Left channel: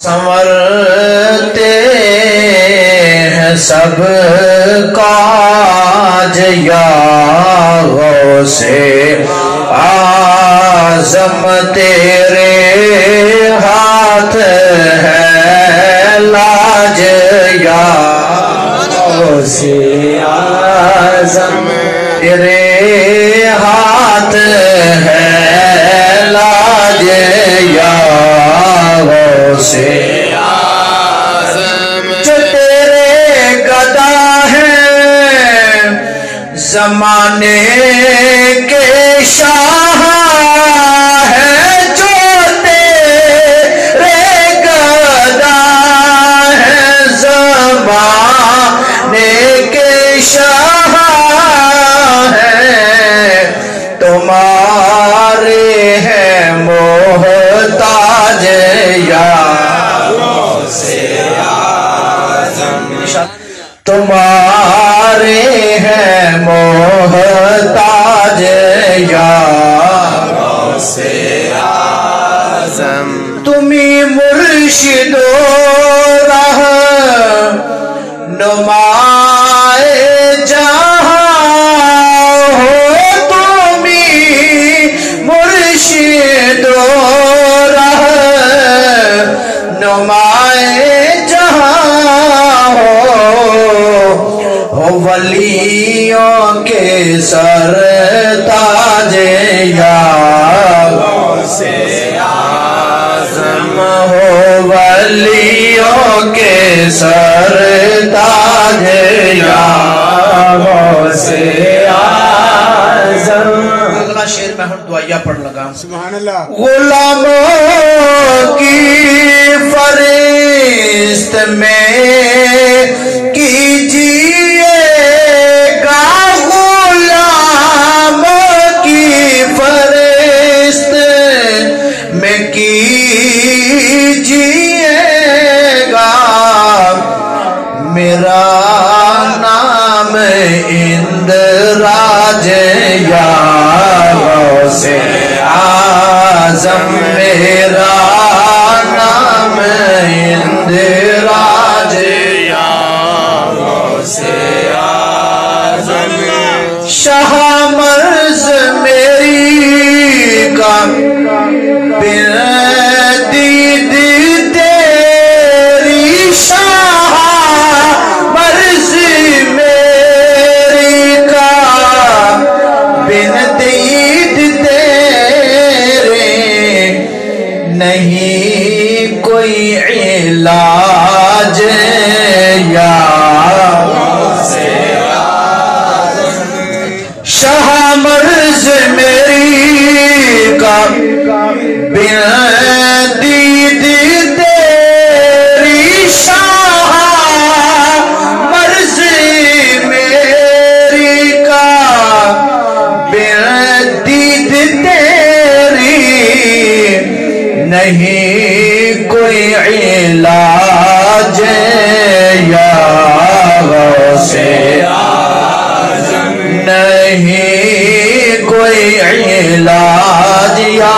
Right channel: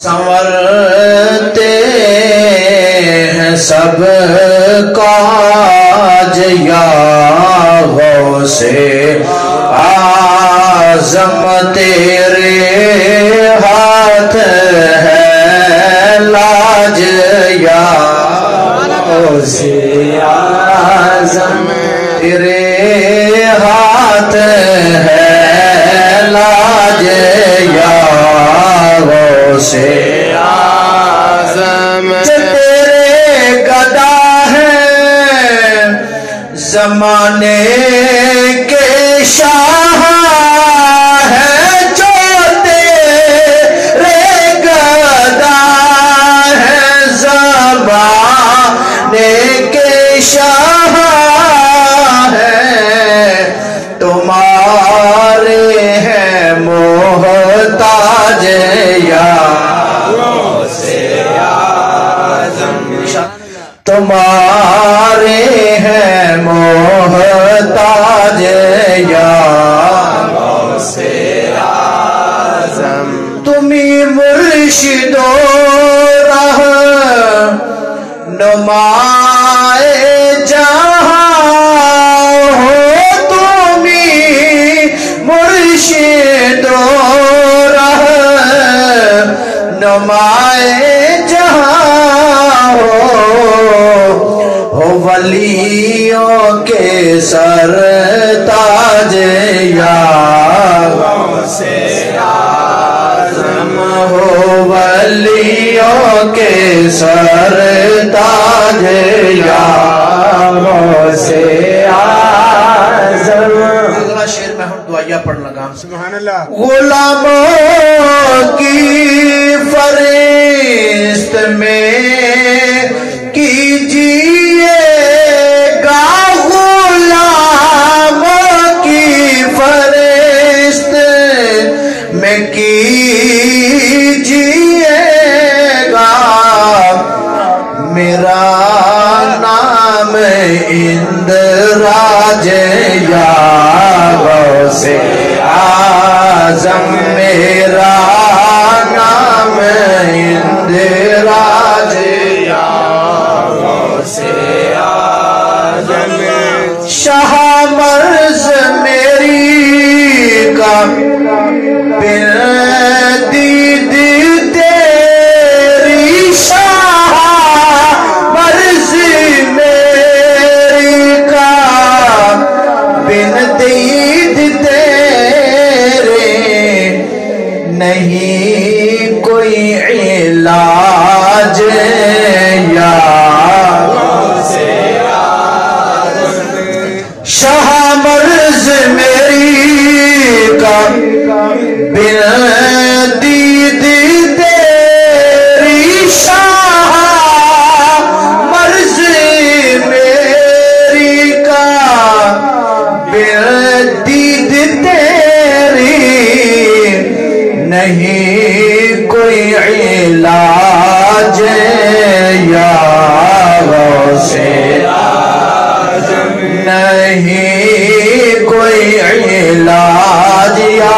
سنورتے ہیں سب کاج یا غوث اعظم تیرے ہاتھ ہے لاج یا غوث اعظم تیرے ہاتھ ہے لاج یا غوث اعظم جو تیرے گدا ہے زمانے کے شاہ ہے جو تیرے گدا ہے زمانے کے شاہ ہے تمہارے ہیں محتاج یا غوث اعظم تمہارے ہیں محتاج یا غوث اعظم تمہیں مرشد و راہ نمائے جہاں ہو تمہیں مرشد و راہ نمائے جہاں ہو ولیوں کے سر تاج یا غوث اعظم ہو ولیوں کے سر تاج یا غوث اعظم اگلا شعر میں ہم دعائیہ پڑھ لگا سبحان اللہ غلاموں کی فرست میں کیجیے گا غلاموں کی فرست میں کیجیے گا میرا نام اندراج یا غوث اعظم میرا نام اندراج یا غوث اعظم شاہ مرز میری کا بن دید تیری شاہ مرز میری کا بن دید تیرے نہیں کوئی علاج یا غوث اعظم شاہ مرز میری کا بن دید تیری شاہ مرز میری کا بن دید تیری نہیں کوئی علاج یا غوث اعظم نہیں کوئی علاج یا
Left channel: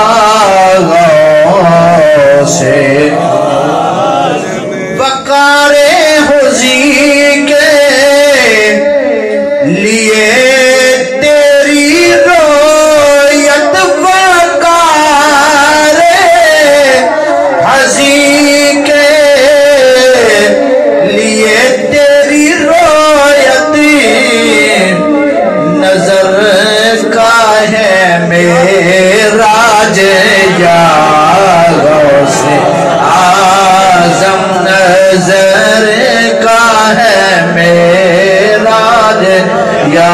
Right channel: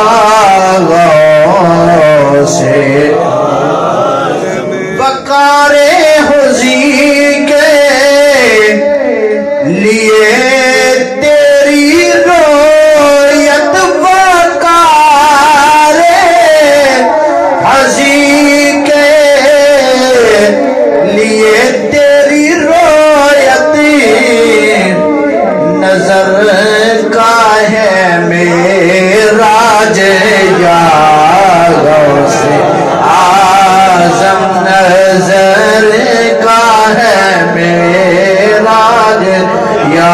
غوث وقار حضی کے لیے تیری رویت وقار حضی کے لیے تیری رویت نظر کا ہے معراج یا غوث اعظم نظر کا ہے معراج یا